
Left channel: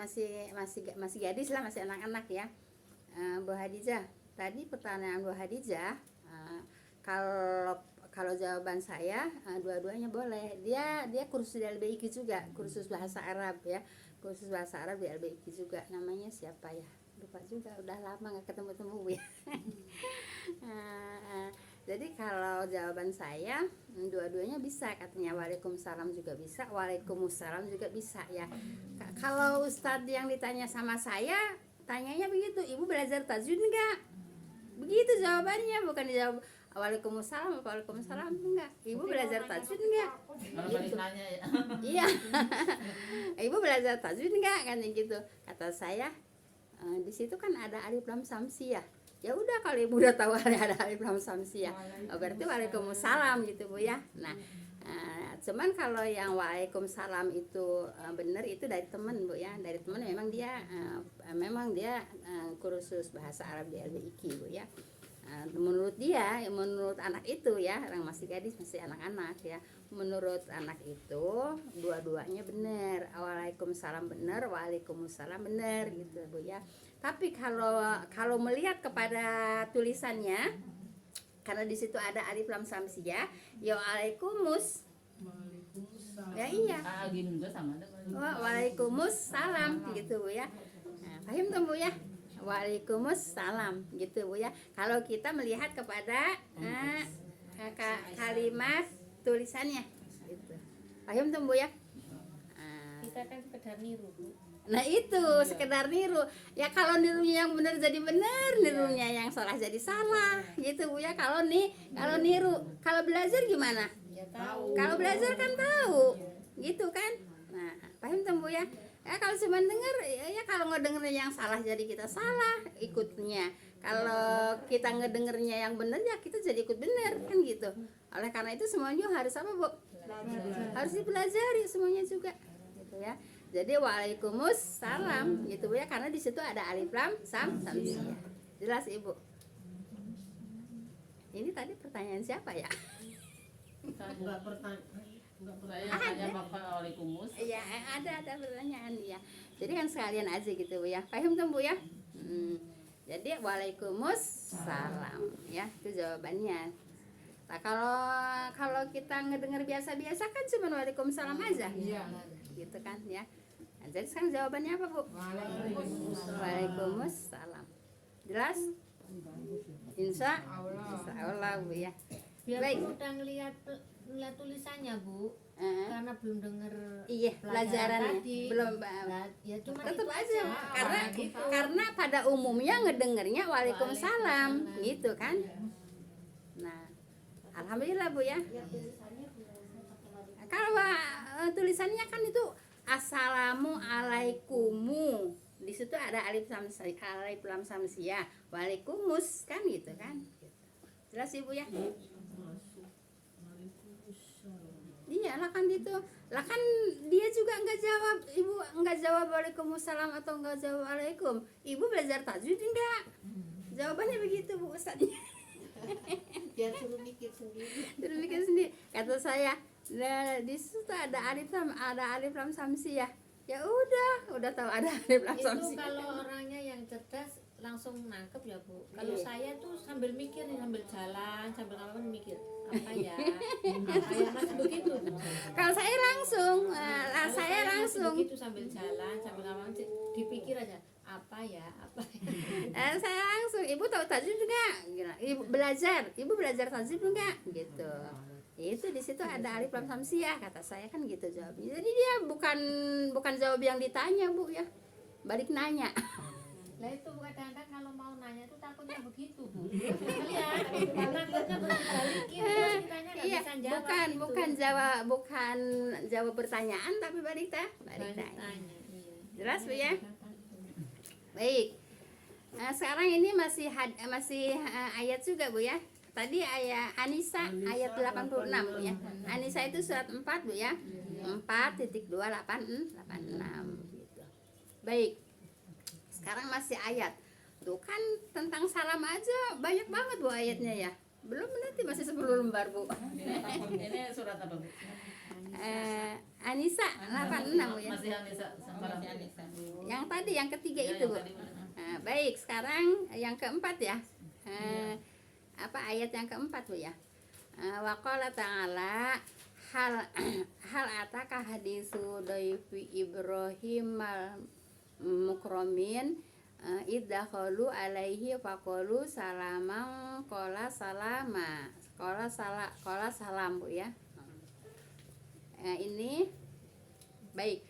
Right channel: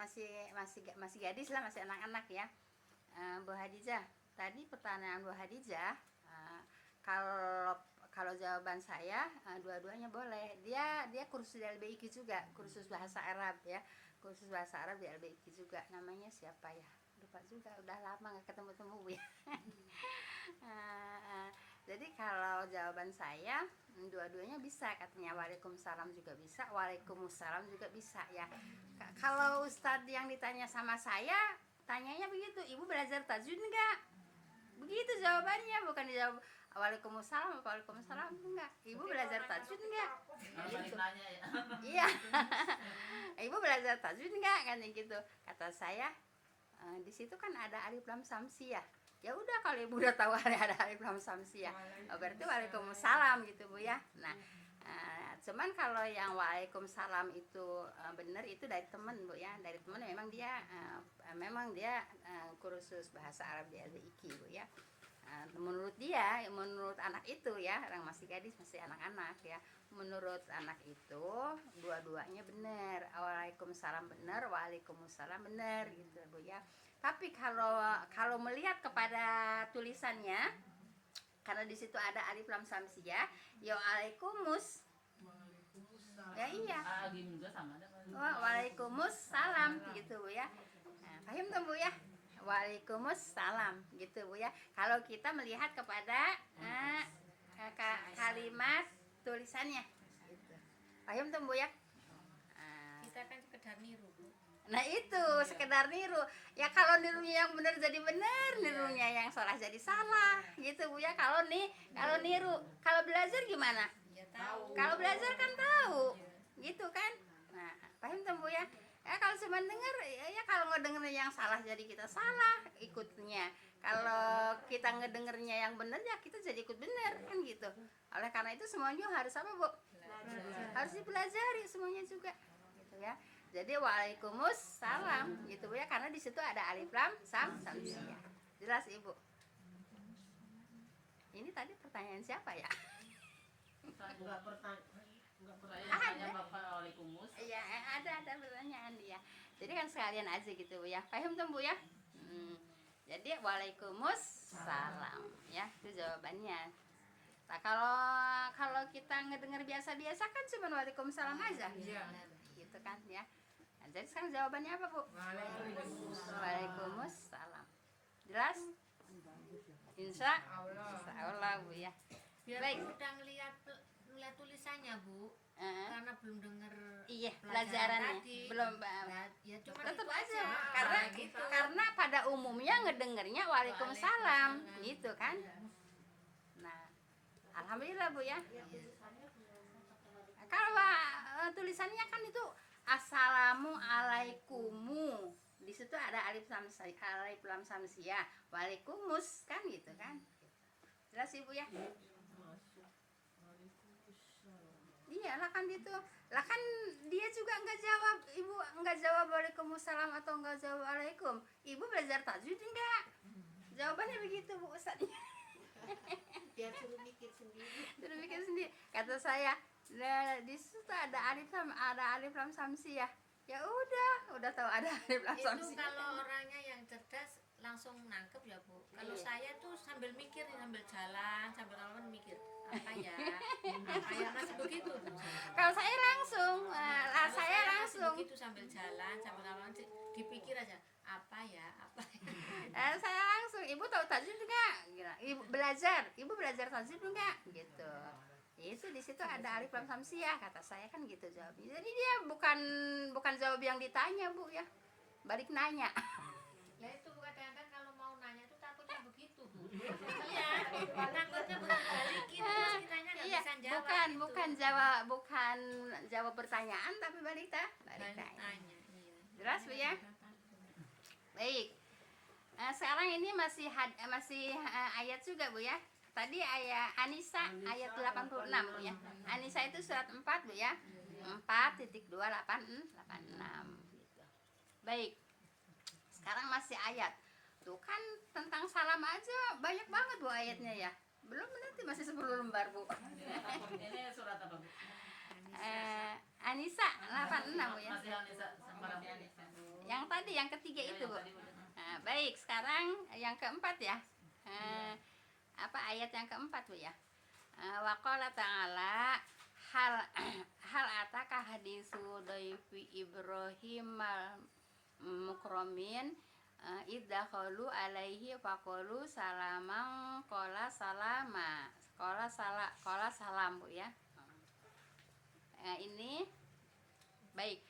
gadis lah, masih anak-anak ya. Bu Hadijah, tadi pertanyaan Bu Hadijah, kalau jawaban saya dua-duanya boleh. Dia kursus di LBIQ juga, kursus bahasa Arab ya, kursus bahasa Arab di LBIQ juga. Namanya siapa ya? Lupa juga, udah lama nggak ketemu ya. Jadi kalau jawaban saya dua-duanya bisa, katanya waalaikumsalam juga bisa, waalaikumsalam juga bisa ya. Kalau Ustadz yang ditanya sama saya, tanyanya begitu, ibu belajar tajwid enggak? Begitu jawabannya, bukan dijawab waalaikumsalam apa waalaikumsalam, enggak. Ibu belajar tajwid enggak? Kalau balik nanya ya. Iya. Ibu belajar tajwid enggak? Kan gitu. Kata saya, di situ kan ada alif lam samsiah. Ya udah kalau ibu udah tahu ada alif lam samsiah, berarti waalaikumsalam gitu Bu ya. Nah, cuman kalau yang waalaikumsalam itu benar, itu dari teman Bu ya, dari teman memang dia kursus bahasa Arab di LBIQ Bu ya. Menurut anak itu ya, orang masih gadis, masih anak-anak ya, menurut anak itu dua-duanya benar, waalaikumsalam benar, waalaikumsalam benar gitu Bu ya. Tapi kalau melihat kepada tulisannya, karena di situ ada alif lam samsiah, ya waalaikumsalam. Ya iya. Gini juga sama ada. Waalaikumsalam gitu Bu ya. Paham tuh Bu ya? Waalaikumsalam gitu Bu ya. Kalau kita melihat kepada kalimat tulisannya gitu. Paham tuh Bu ya? Kita kan sekedar niru Bu. Nah itu sekedar niru. Ya kalau nirunya yang benar jadi benar, nirunya yang salah jadi salah gitu Bu ya. Kalau niru, kalau belajar gimana? Ya tahu. Kalau belajar kan tahu. Gitu kan? Nah, paham tuh Bu ya? Ya kalau cuma denger, ya kalau ngedengernya yang salah jadi kita salah ikutnya. Kalau kita ngedengernya yang benar ya kita jadi ikut benar kan gitu. Oleh karena itu semuanya harus apa Bu? Harus dipelajari semuanya juga gitu ya. Jadi waalaikumsalam gitu Bu ya, karena di situ ada alif lam samsiah. Jelas Ibu? Ini tadi pertanyaan siapa ya? Saya tanya pakai waalaikumsalam. Iya, ada pertanyaan ya. Jadi kan sekalian aja gitu Bu ya. Paham tuh Bu ya? Jadi waalaikumsalam ya, itu jawabannya. Nah, kalau kita ngedenger biasa-biasa kan cuma waalaikumsalam aja. Gitu kan ya. Nah, jadi sekarang jawabannya apa Bu? Waalaikumsalam. Jelas? Insya Allah Bu ya. Biar Baik. udah ngeliat tulisannya Bu, Heeh. karena belum denger Iya, pelajarannya tadi. belum. Nah, ya cuma Tetap itu aja karena gitu. karena pada umumnya ngedengernya waalaikumsalam gitu kan. Nah, alhamdulillah Bu ya. Kalau tulisannya kan itu assalamualaikumu, di situ ada alif lam samsiah, waalikumus kan gitu kan. Jelas Ibu ya? Iya lah kan gitu. Lah kan dia juga nggak jawab, Ibu nggak jawab waalaikumsalam atau nggak jawab waalaikum. Ibu belajar tajwid enggak? Jawabannya begitu Bu Ustaznya. Biar suruh mikir sendiri. Suruh mikir sendiri. Kata saya, nah, di situ ada alif lam samsiah. Ya udah tahu ada alif lam Itu samsiah. kalau orangnya yang cerdas langsung nangkep ya Bu. Kalau Iya. saya tuh sambil mikir nih, sambil jalan, sambil ngapain mikir apa ya, masih begitu Bu. Kalau saya langsung, Kalau saya masih langsung. begitu sambil jalan, sambil ngapain dipikir aja apa ya. Saya langsung, ibu tahu tajwid enggak? Ibu belajar tajwid enggak? Gitu. Itu di situ ada alif lam samsiah, kata saya kan gitu jawabnya. Jadi dia bukan jawab yang ditanya Bu ya, balik nanya. Lah itu kadang-kadang kalau mau nanya tuh takutnya begitu Bu. Iya, takutnya balikin terus kitanya nggak Iya, bisa jawab. bukan jawab pertanyaan tapi balik nanya. tanya. Iya. Jelas Bu ya? Baik. Sekarang ini masih ayat juga Bu ya. Tadi ayat Anisa ayat 86 Bu ya. Anisa itu surat 4 Bu ya. 4.286 gitu. Baik. Sekarang masih ayat. Tuh kan tentang salam aja banyak banget Bu ayatnya ya. Belum nanti masih 10 lembar Bu. Ini surat apa Bu? Anisa 86 Bu ya. Masih Anissa sama Yang tadi yang ketiga Ya, itu yang Bu. tadi, Bu. Baik, sekarang yang keempat ya. Apa ayat yang keempat Bu ya? Wa qala ta'ala hal ataka hadisu daifi Ibrahim mukramin iddakhalu alaihi faqalu salaman qala salama qala salam Bu ya. Ini baik.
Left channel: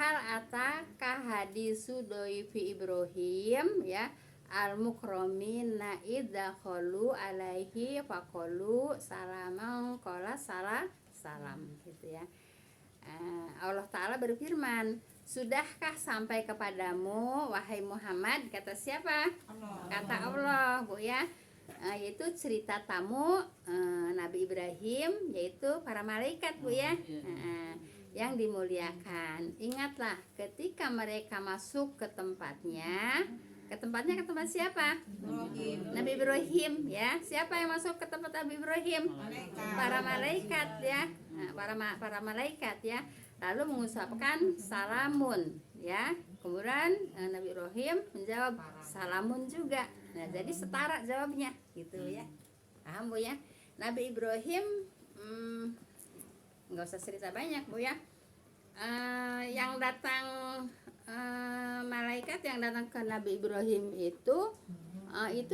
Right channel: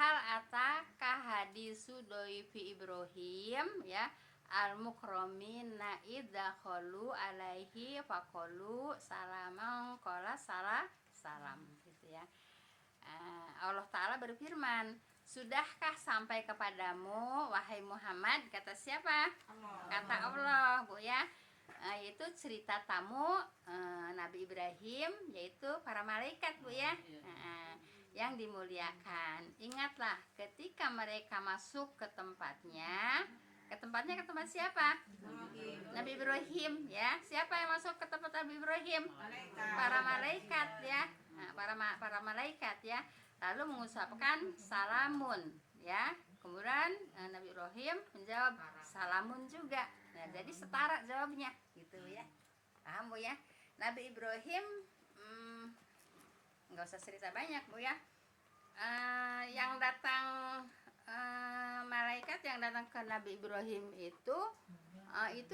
Hal ataka hadisu daifi Ibrahim ya al mukramina iddakhalu alaihi faqalu salaman qala salam gitu ya. Allah Ta'ala berfirman, sudahkah sampai kepadamu wahai Muhammad, kata siapa? Kata Allah Bu ya. Yaitu cerita tamu Nabi Ibrahim, yaitu para malaikat Bu ya. Yang dimuliakan. Ingatlah ketika mereka masuk ke tempatnya. Ke tempat siapa? Nabi Ibrahim ya. Siapa yang masuk ke tempat Nabi Ibrahim? Para malaikat ya. Para malaikat ya. Lalu mengucapkan salamun ya. Kemudian Nabi Ibrahim menjawab salamun juga. Nah, jadi setara jawabnya gitu ya. Paham Bu ya? Nabi Ibrahim nggak usah cerita banyak Bu ya. Yang datang malaikat yang datang ke Nabi Ibrahim itu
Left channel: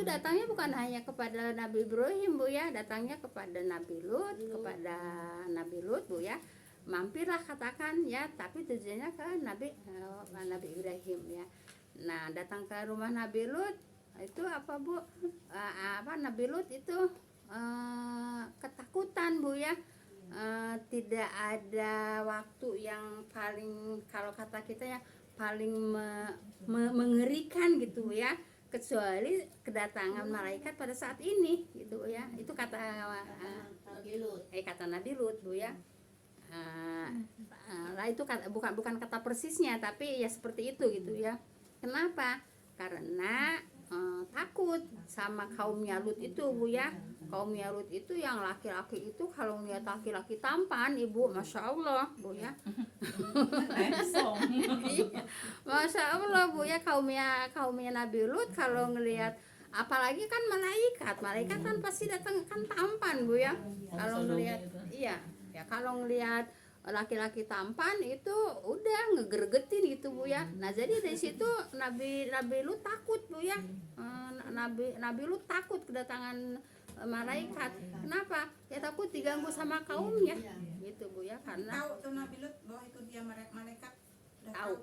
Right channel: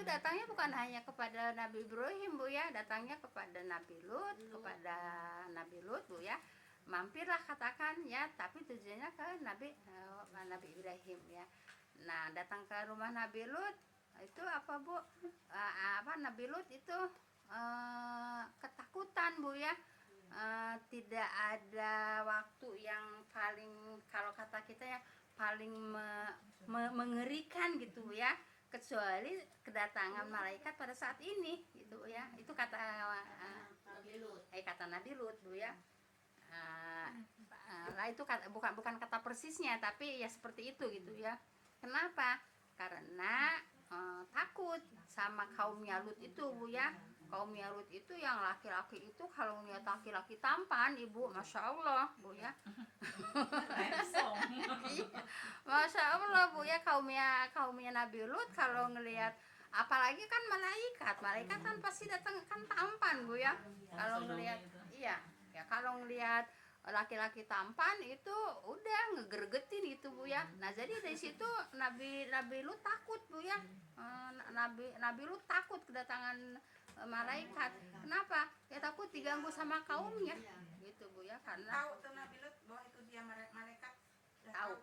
datangnya bukan hanya kepada Nabi Ibrahim Bu ya, datangnya kepada Nabi Lut Bu ya. Mampirlah katakan ya, tapi tujuannya ke Nabi Ibrahim ya. Nah, datang ke rumah Nabi Lut itu apa Bu? Nabi Lut itu ketakutan Bu ya. Tidak ada waktu yang paling, kalau kata kita ya, paling mengerikan gitu ya, kecuali kedatangan malaikat pada saat ini gitu ya. Itu kata Nabi Lut Bu ya. Lah itu bukan kata persisnya, tapi ya seperti itu gitu ya. Kenapa? Karena takut sama kaumnya Lut itu Bu ya. Kaumnya Lut itu yang laki-laki itu kalau ngeliat laki-laki tampan Ibu, Masya Allah Bu ya. Masya Allah Bu ya, kaumnya Nabi Lut kalau ngelihat, apalagi kan malaikat kan pasti datang kan tampan Bu ya. Kalau ngelihat kalau ngelihat laki-laki tampan itu udah ngegergetin gitu Bu ya. Nah, jadi dari situ Nabi Lut takut Bu ya. Nabi Lut takut kedatangan malaikat. Kenapa? Ya takut diganggu sama kaumnya gitu Bu ya. Karena Tahu tuh Nabi Lut bahwa itu dia malaikat. Tahu.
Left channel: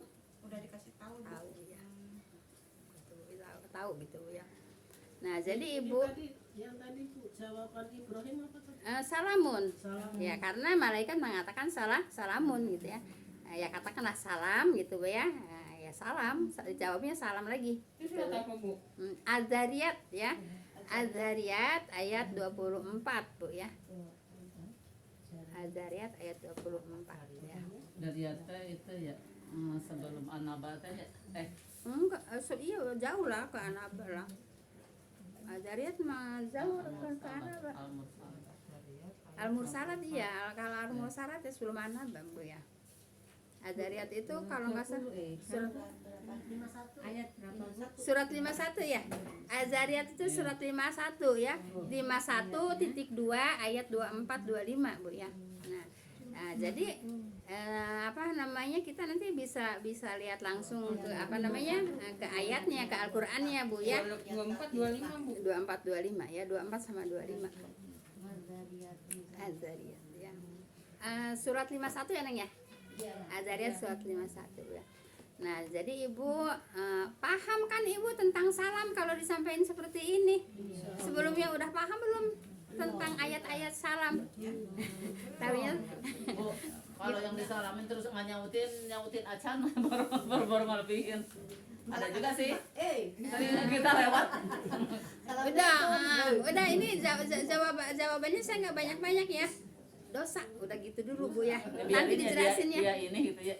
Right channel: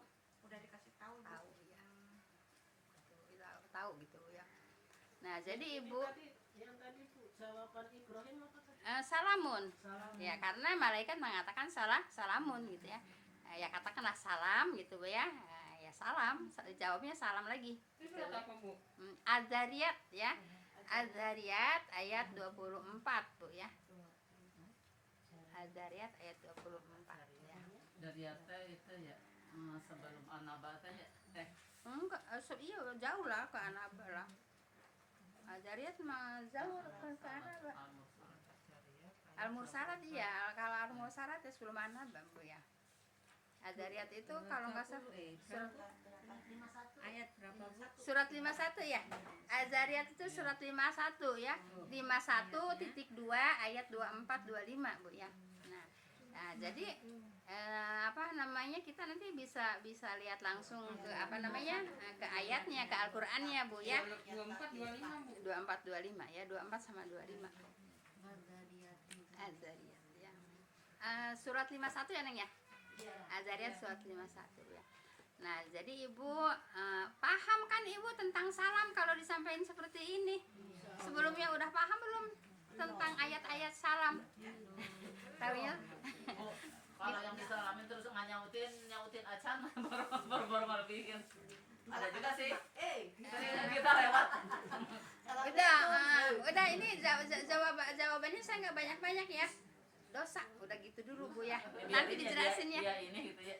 Udah dikasih tahu. tahu ya. Tahu gitu Bu ya. Nah, jadi Ibu Yang tadi Bu, jawaban Ibrahim apa tadi? salamun. Ya, karena malaikat mengatakan salamun gitu ya. Ya katakanlah salam gitu Bu ya. Ya salam, jawabnya salam lagi. Itu surat apa Bu? Az-Zariyat ya. Az-Zariyat ayat 24 Bu ya. Az-Zariyat ayat 24 ya. Dari itu ya sebelum An-Naba ya. Enggak, iya jauh lah ke Anaba lah. Az-Zariyat mah jauh kan ke Anaba. Al-Mursalat iya, kalau Al-Mursalat itu sebelum Anaba Bu ya. Adzariyat itu kalau nggak salah surat Ayat berapa? surat 51 ya. Adzariyat itu surat 51 ya. 51.2 ayat 24 25 Bu ya. Nah, jadi apa namanya, kita nanti bisa lihat langsung ke apa namanya, ke ayatnya, ke Al-Qur'annya Bu ya. 24 25 Bu. 24 25 ya, 24 sama 25. Adzariyat. Adzariyat ya. Surat 51 ya Neng ya. Adzariyat surat 51 ya. Nah, jadi Ibu paham kan Ibu tentang salam kalau disampaikan seperti ini? Sebelumnya udah paham belum tentang ayat-ayat salam? Tahunya? Bu, kalau yang disalamin terus nggak nyautin acan baru ngelebihin. Ada juga sih. Sering kita lewat. Udah ini jawabannya saya nggak banyak-banyak ya. Dosa, udah gitu dulu Bu ya. Nanti Biarin ya dijelasin ya. dia ini gitu ya.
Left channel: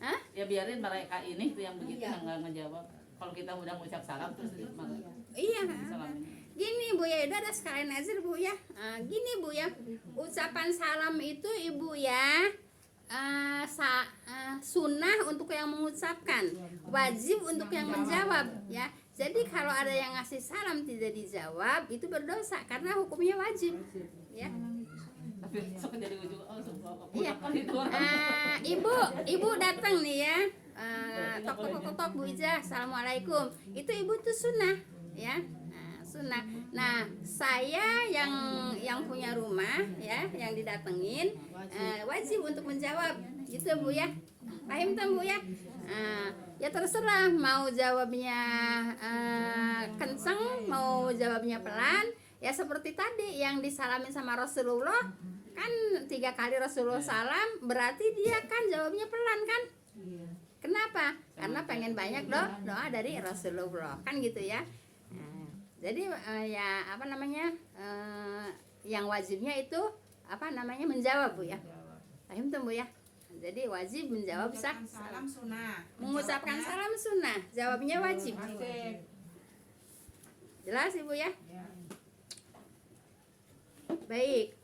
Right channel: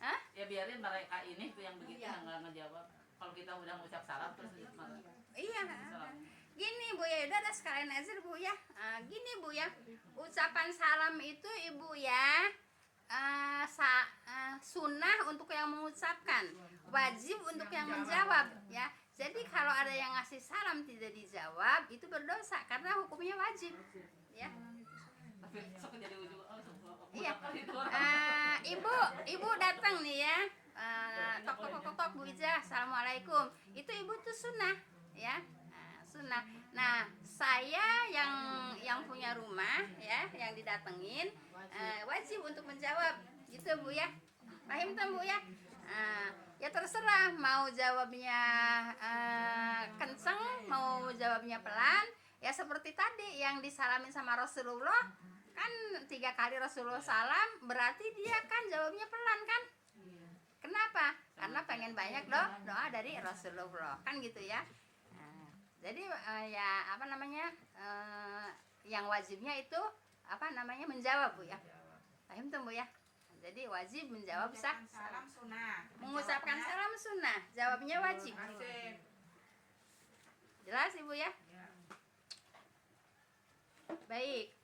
Hah? Ya biarin mereka ini tuh yang begitu yang nggak ngejawab. Kalau kita udah ngucap salam terus malah Iya. disalamin. Gini Bu ya, udah ada sekalian nazar Bu ya. Gini Bu ya, ucapan salam itu Ibu ya sunnah untuk yang mengucapkan, wajib untuk yang menjawab ya. Jadi kalau ada yang ngasih salam tidak dijawab itu berdosa karena hukumnya wajib ya. Tapi sok jadi ujung Iya. itu orang. Ibu datang nih ya. Tok Bu Ija, assalamualaikum. Itu Ibu tuh sunnah ya. Sunnah. Nah, saya yang punya rumah ya, yang didatengin wajib untuk menjawab gitu Bu ya. Paham kan Bu ya? Ya terserah mau jawabnya kenceng, mau jawabnya pelan. Ya seperti tadi yang disalamin sama Rasulullah kan 3 kali Rasulullah salam, berarti dia kan jawabnya pelan kan? Kenapa? Karena pengen banyak doa dari Rasulullah kan gitu ya. Jadi ya apa namanya, yang wajibnya itu apa namanya, menjawab Bu ya. Paham tuh Bu ya. Jadi wajib menjawab sah. Salam sunnah. Mengucapkan salam sunnah, jawabnya wajib. Jelas Ibu ya? Baik.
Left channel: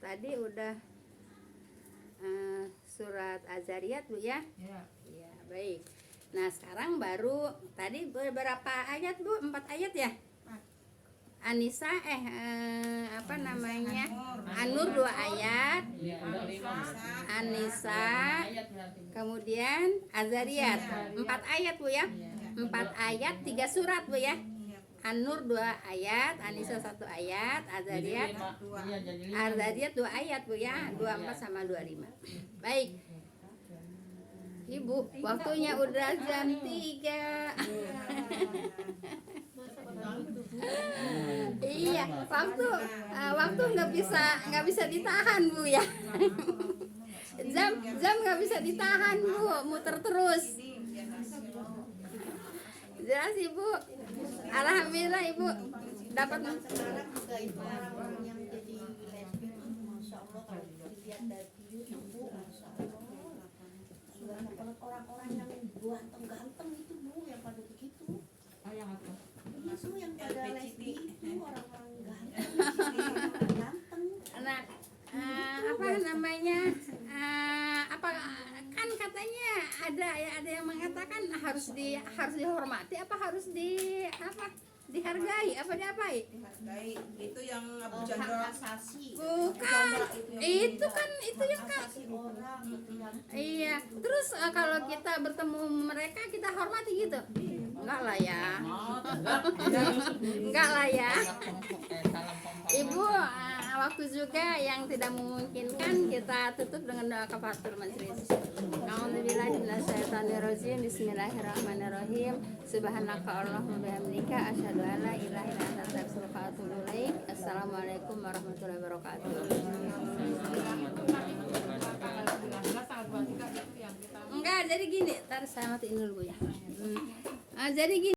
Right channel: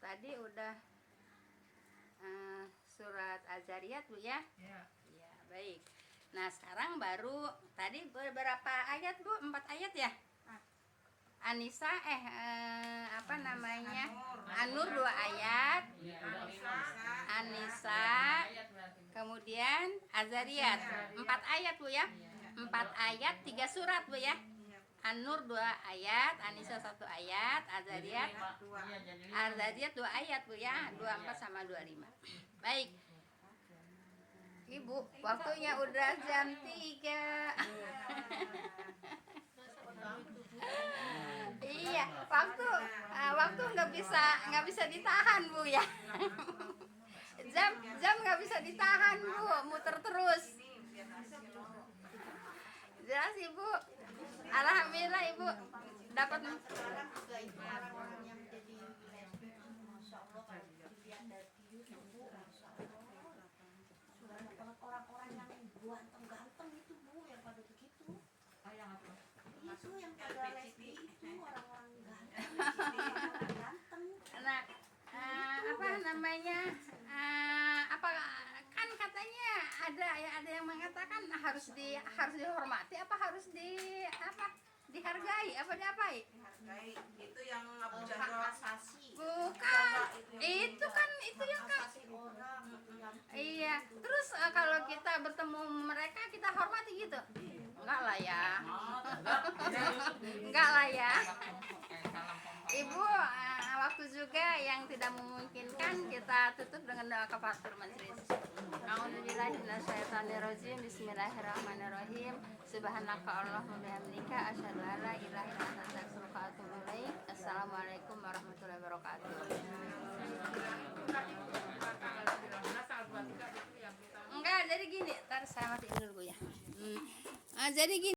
Tadi udah surat Adzariyat Bu ya. Iya, baik. Nah, sekarang baru tadi beberapa ayat Bu? 4 ayat ya? Anisa apa namanya? An-Nur 2 ayat. Anisa, kemudian Adzariyat 4 ayat Bu ya. 4 ayat 3 surat Bu ya. An-Nur 2 ayat, Anisa 1 ayat, Adzariyat 2 ayat Bu ya, 24 sama 25. Baik. Ibu, waktunya udah jam 3. Iya, waktu nggak bisa ditahan Bu ya. jam nggak bisa ditahan Bu, muter terus. Jelas Ibu. Alhamdulillah Ibu dapat. Sekarang juga itu orang-orang yang jadi lesbian, masya Allah kalau dilihat dari YouTube, Bu, masya Allah. Sudah orang-orang yang ganteng-ganteng itu Bu, yang pada begitu. Itu yang pada lesbi itu orang-orang ganteng. Nah, apa namanya? Apa kan katanya ada yang mengatakan harus dihormati apa harus dihargai apa diapai? Dihargai. Itu yang Abu Hak Jandal. asasi. Bukan. Itu yang Asasi orang gitu kan. iya. Terus kalau kita bertemu mereka kita hormati gitu? Enggak lah ya. Enggak lah ya. Ibu, waktu juga yang tidak memungkinkan kita tutup dengan doa kafaratul majelis. A'udzubillahi minasyaitonirrajim. Bismillahirrahmanirrahim. Subhanaka Allahumma bihamdika asyhadu an la ilaha illa anta astaghfiruka wa atubu ilaik. Assalamualaikum warahmatullahi wabarakatuh. Enggak, jadi gini, ntar saya matiin dulu Bu ya. Jadi gini.